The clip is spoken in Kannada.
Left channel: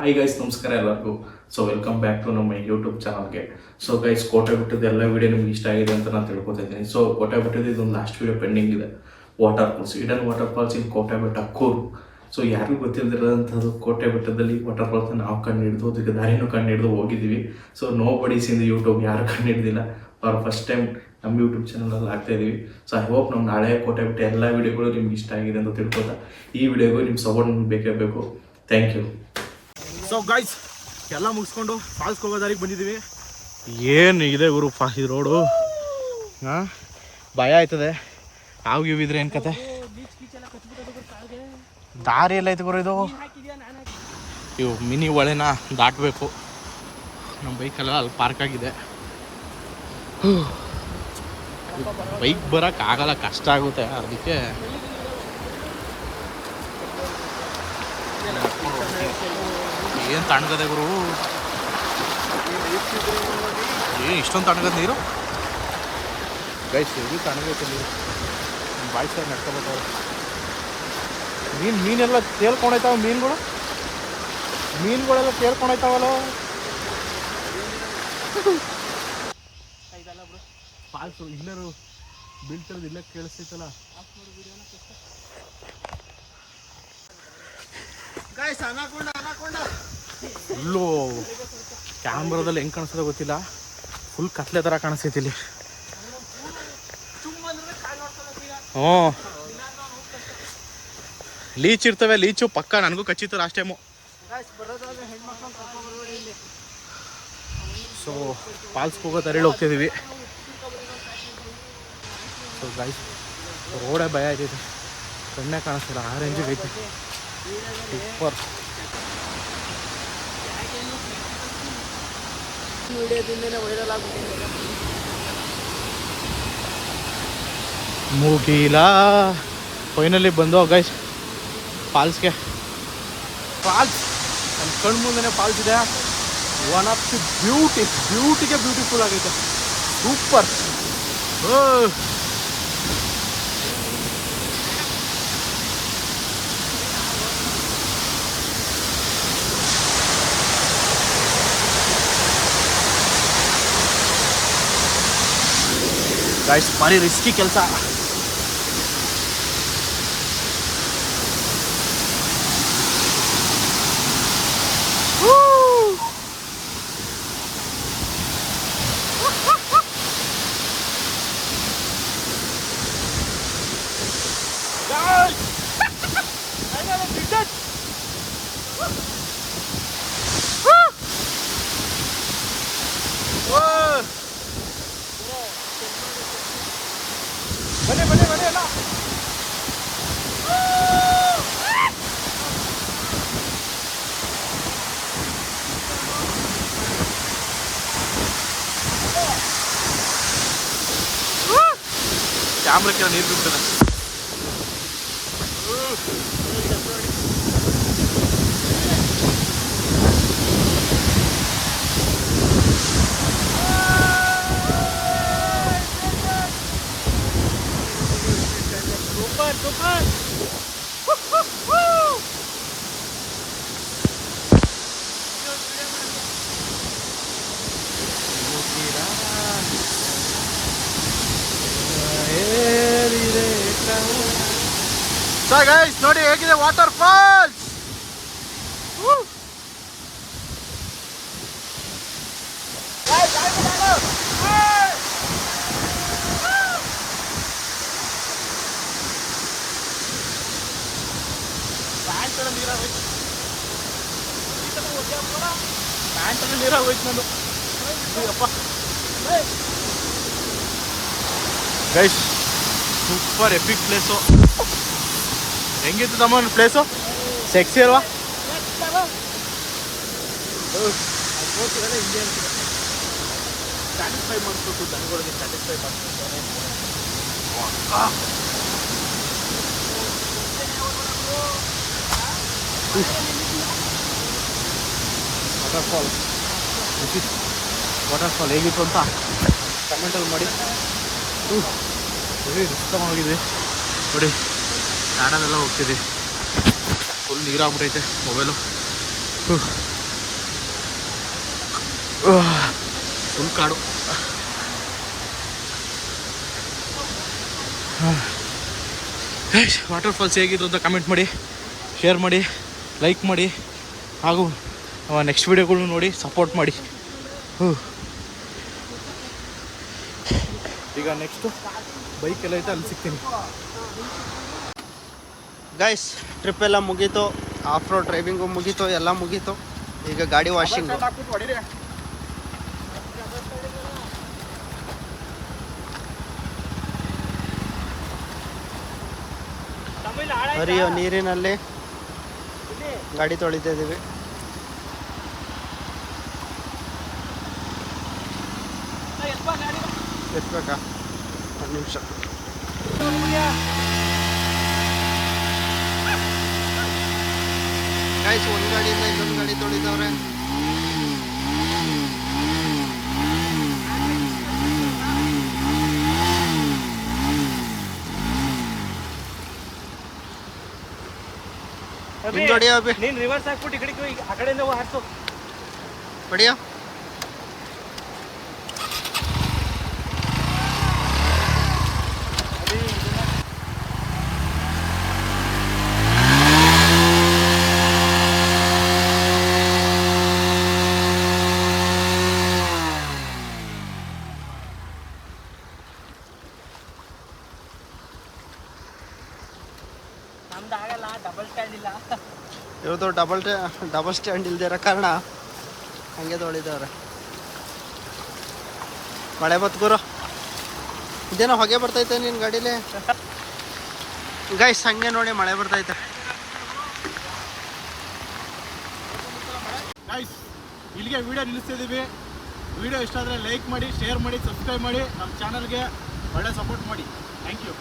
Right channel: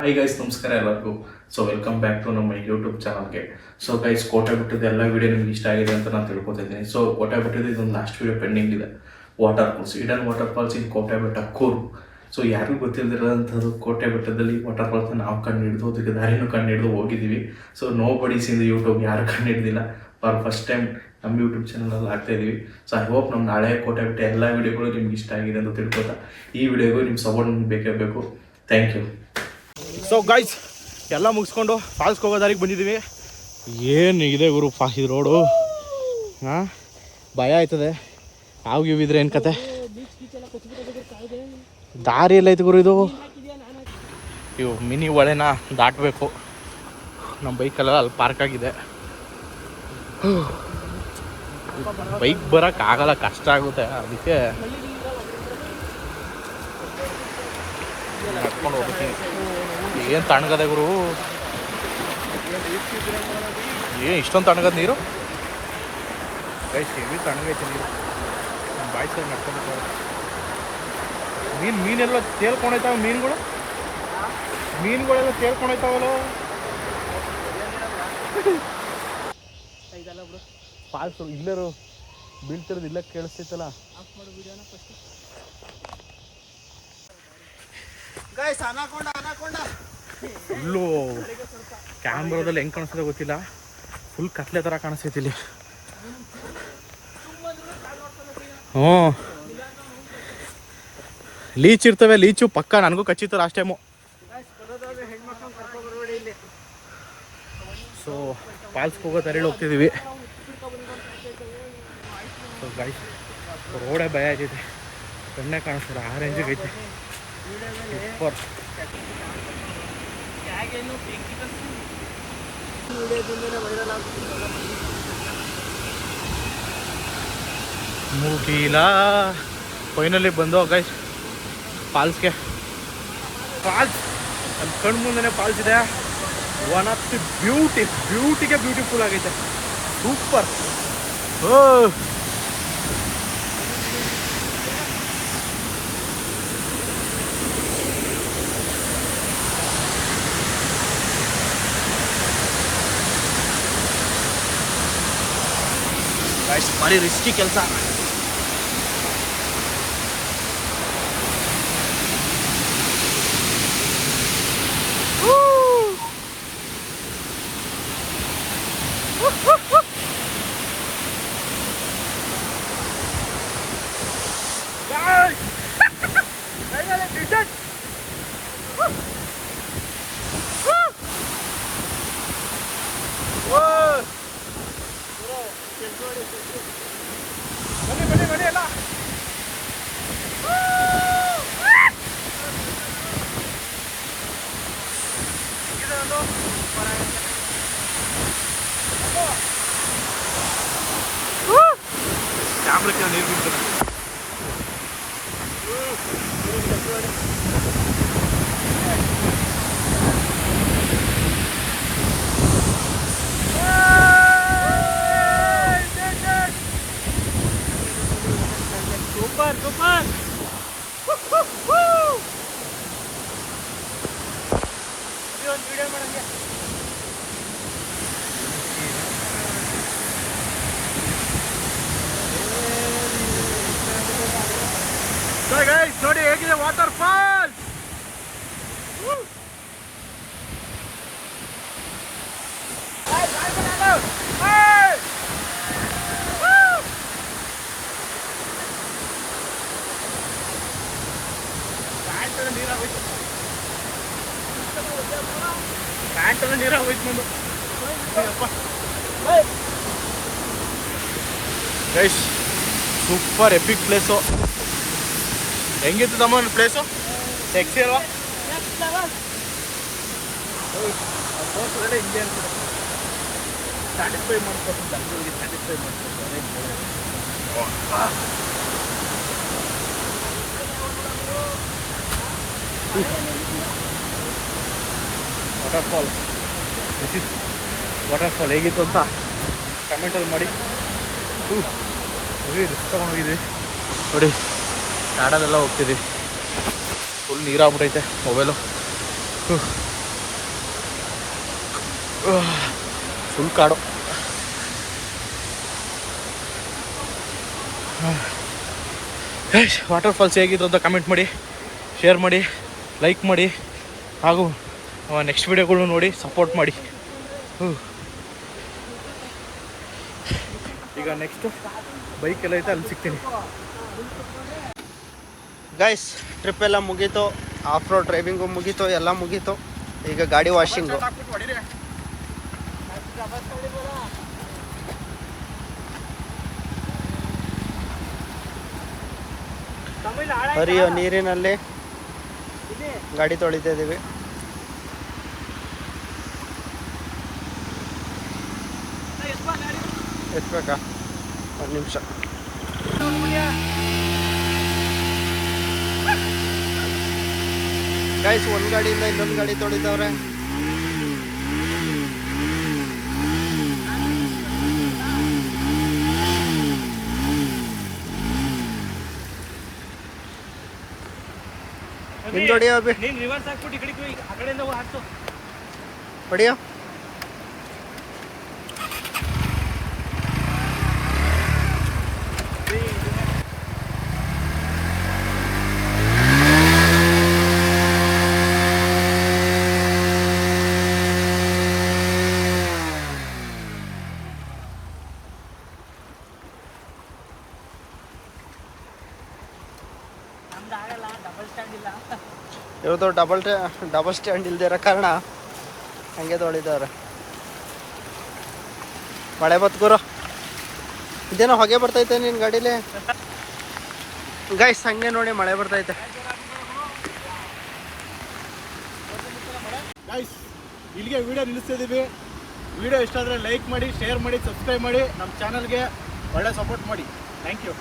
ಹಾಯ್ ಗೈಸ್, ನಮಸ್ಕಾರ ಎಲ್ಲರಿಗೂ. ಸೊ ವೆಲ್ಕಮ್ ಬ್ಯಾಕ್ ಟು ನಮ್ಮ ಯೂಟ್ಯೂಬ್ ಚಾನಲ್ಗೆ. ಸೊ ಗೈಸ್, ಕೋಟೆ ಬೆಟ್ಟದ ಎಲ್ಲ ವಿಡಿಯೋ ನಿಮ್ಗೆ ಇಷ್ಟ ಆಗಿದೆ ಅಂತ ನಾನು ತಿಳ್ಕೊತಿದ್ದೀನಿ. ಸೊ ಕೋಟೆ ಬೆಟ್ಟದ ಇದೊಂದು ಲಾಸ್ಟ್ ವಿಡಿಯೋ ಪೆಂಡಿಂಗ್ ಇದೆ. Water falls, ಇಡನ್ water falls in ಕೋಟೆ ಬೆಟ್ಟ ಕೂರು. ಸೊ ಯಾರಿಗೂ ಗೊತ್ತಿಲ್ಲದಿರೋಂಥದ್ದು ಕೋಟೆ ಬೆಟ್ಟದಲ್ಲಿ ವಾಟರ್ ಫಾಲ್ಸ್ನ ನಾವು ಕಂಡು ಹಿಡಿದು ಅದಕ್ಕೆ ದಾರಿನೂ ಕಂಡು ಹಿಡಿದು ಹೋಗಿದ್ದೀವಿ. So nobody's in YouTube ಯಾರು ಕಂಡು ಹಿಡ್ದಿಲ್ಲ. ಫಾರ್ ಫಸ್ಟ್ ಟೈಮ್ ನಮ್ಮ ಯೂಟ್ಯೂಬ್ ಚಾನಲಲ್ಲಿ ಆಗ್ತಾ ಇದ್ದೀವಿ. ಸೊ ಐ ಹೋಪ್ ನಮ್ಮ ನಾಳೆ ಕೋಟೆ ಬೆಟ್ಟ ಎಲ್ಲ ವಿಡಿಯೋಗಳು ನಿಮ್ಗೆ ಇಷ್ಟ ಆಗಿದೆ ಅಂತ ತಿಳ್ಕೊತಾ ಈ ವಿಡಿಯೋಗೂ ನಿಮ್ಮ ಸಪೋರ್ಟ್ ಬೇಕೇ ಬೇಕು. Thank you. ಸೊ ಗೈಸ್, ಎಲ್ಲ ಮುಗಿಸ್ಕೊಂಡು ಫಾಲ್ಸ್ಗೆ ಹೋಗೋ ದಾರಿಗೆ ಬಂದಿದ್ದೀವಿ. ಏನು ಇದೆ ಗುರು ಇದು ರೋಡು, ಹಾಂ ಭಯ ಆಯ್ತದೆ. ನಾವು ಇವಿದ್ರೆ ಏನು ಕತೆ, ದಾರಿ ಎಲ್ಲ ಐತೆ ಗುರು. ಇವು ಮಿನಿ ಹೊಳೆನ ದಾಟಬೇಕು. ನಮ್ಮ ಬೈಕೆಲ್ಲ ಅಲ್ಲಿ ಪಾರ್ಕ್ ಆಗಿದೆ. ಬೈಕ್ ಬರೋಕ್ಕಾಗಲ್ಲ, ಕಷ್ಟ ಆಗುತ್ತೆ. ಅದಕ್ಕೆ ನಡ್ಕೊಂಡು ಹೋಗ್ತೀನಿ. ಏನು ತಣ್ಣಗದೆ ಗುರು, ಏನು ಇಷ್ಟೊಂದು ತಣ್ಣಗದ ನೀರು ಗೈಸ್. ಇದು ತಣ್ಣಗೈತೆ ನೀರು. ನಮ್ಮ ಬಾಯಿ ಸರಿ ನಡ್ಕೋಬೇಕು. ಮೀನೆಲ್ಲ ತೇಲ್ಕೊಂಡೈತಾವ. ಮೀನುಗಳೆಲ್ಲ ತೇಲ್ಕೊಂಡೈತಾವಲ್ಲ. ಫಾಲ್ಸು ಇಲ್ಲರು ಬೀಳ್ತಿರೋದು ಇಲ್ಲ ಕೇಳಿಸ್ತೈತಲ್ಲ. ಫುಲ್ಲು ಕ್ಯಾಮ್ರಾದಲ್ಲಿ ಹೆಂಗೆ ಕಾಣಿಸ್ತದೆ ಗೊತ್ತಿಲ್ಲ, ಫುಲ್ ಕತ್ಲೆ ಥರ ಕಾಣಿಸ್ತೈತಿ ಇಲ್ಲಿ. ಲೀಚ್ ಇರ್ತವೆ. ಲೀಚು ಪಕ್ಕ ನನಗೂ ಕಚ್ಚಿತ್ತು ಲಾಸ್ಟ್ ಟೈಮು. ಸೊ ಫಾಲ್ಸ್ಗೆ ಹೋಗೋ ತರೇಳಿ ಹೋಗ್ತಿದ್ದೀವಿ. ಸೊ ಗೈಸ್, ರೋಡೇ ಭಯ ಆಯ್ತೈತೆ, ಕಣ್ಣೇ ಕಾಣಿಸ್ತಿಲ್ಲ. ಆ ರೇಂಜಿಗೆ ಐತೆ. ಸೂಪರ್. ಮುಗಿಲ ಫೈನಲಿ ಬಂದು ಗೈಸ್ ಫಾಲ್ಸ್ಗೆ. ಫಾಲ್ಸ್ ನನ್ನ ಕಣ್ಣು ಮುಂದೆ ಫಾಲ್ಸ್ ಇದೆ. ಒನ್ ಆಫ್ ದಿ ಬ್ಯೂಟಿಫುಲ್ ಆಗೈತೆ. ಸೂಪರ್. ಗೈಸ್, ಭಾರಿ ರಿಸ್ಕಿ ಕೆಲಸ. ಬನ್ನಿ ಎಲ್ಲ. ಕ್ಯಾಮ್ರಕ್ಕೆ ನೀರು ಬಿಡ್ತದೆ. So guys, ನೋಡಿ ಹೇಗಿದೆ ವಾಟರ್ ಫಾಲ್ಸ್. ಪ್ಯಾಂಟಲ್ಲಿ ನೀರಾಗೋಯ್ತು ನಂದು. ಅಪ್ಪ ಗೈಸ್, ಸೂಪರ್ ಎಪಿಕ್ ಪ್ಲೇಸು. ಹೆಂಗಿತ್ತು ತಮ್ಮ ಪ್ಲೇಸು? ಸೆಕ್ಸಿ ಅಲ್ವಾ? ಫೋಟೋದೆಲ್ಲ ಹಿಂಗೆ ಅನ್ಸಿದೆ. ಸ್ಯಾಟಿಸ್ಫೈ ಮಾಡಿಸ್ಬೇಕು, ಜನಗಳಿಗೆ ಸ್ಯಾಟಿಸ್ಫೈ ಮಾಡಿಸ್ಬೇಕು. Waterfall, this is waterfall. ಹೇಗಿತ್ತು ಅಂತ ಕಮೆಂಟಲ್ಲಿ ಮಾಡಿ. ತಗೊಂಡೋಗಿದ್ವಿ ನೋಡಿ, ಕಾಡಲ್ಲೆಲ್ಲ ಹೋಗ್ತಿದ್ವಿ. ಫುಲ್ ನೀರಾಗ್ಬಿಟ್ಟೈತೆ ಮೊಬೈಲು. ಫುಲ್ ಕಾಡು. ವಾಟರ್ ಫಾಲ್ಸ್ ಹೇಗಿದ್ರು ಅಂತ ಕಮೆಂಟ್ ಮಾಡಿ, ಶೇರ್ ಮಾಡಿ, ಲೈಕ್ ಮಾಡಿ, ಹಾಗೂ ನೆಕ್ಸ್ಟ್ ವೀಡಿಯೋಗಳು ನೋಡಿ ಸಪೋರ್ಟ್ ಮಾಡಿ. ಈಗ ನೆಕ್ಸ್ಟು ಬೈಕ್ ಎಲ್ಲ ಐತೆ, ಅಲ್ಲಿ ಸಿಗ್ತೀನಿ. ಗೈಸ್ ಟ್ರಿಪ್ ಎಲ್ಲ ಮುಗೀತು, ಆಫ್ ರೋಡ್ ಡ್ರೈವಿಂಗು ಮುಗೀತು, ಎಲ್ಲ ಮುಗೀತು. ಈಗ ಗಾಡಿ ವಾಷಿಂಗು. ಹರಿಯೋ ನೀರಿನಲ್ಲಿ ಗಾಡಿ ತೊಳಿತಾ ಇದ್ದೀವಿ. ಎತ್ಬೇಕಾ? ಒಂದು ನಿಮಿಷ. ಗೈಸ್ ಒಂದು ಗಾಡಿಯಿಂದ ಇನ್ನೊಂದು ಗಾಡಿ ತೊಳಿತವ್ರೆ. ಹಿಂದೊಡಿಯೋ ಅಭಿ, ಹೊಡಿಯೋ. ಇವ್ರದ್ದು ಡಬಲ್ ಸ್ಟ್ಯಾಂಡ್ ಇಲ್ದೇ ಇರೋ ಕಾರಣ ಹಂಗೆ ತೊಳಿದವ್ರೆ. ಮಳೆ ಬತ್ ಗುರು, ಇದೇನೋ ಹೊಗೆ ಬರ್ತೈತೆ ನಿನ್ನ ಗಾಡೀಲಿ. ಗೈಸ್ ಹಂಗೆ ನೋಡಿ ಮಳೆ ಬರ್ತೈತೆ. ಗೈಸ್ ಇಲ್ಲಿಗೆ ವಿಡಿಯೋ ನಿಲ್ಲಿಸ್ತಿದ್ದೀವಿ. ವಿಡಿಯೋ ಇಷ್ಟ ಆದರೆ ಲೈಕ್ ಮಾಡಿ, ಶೇರ್ ಮಾಡಿ, ಸಬ್ಸ್ಕ್ರೈಬ್ ಮಾಡಿ, ನಮ್ಮ ಚಾನಲ್ಗೆ ಒಳ್ಳೆ ಸಪೋರ್ಟ್ ಮಾಡಿ. Thank you.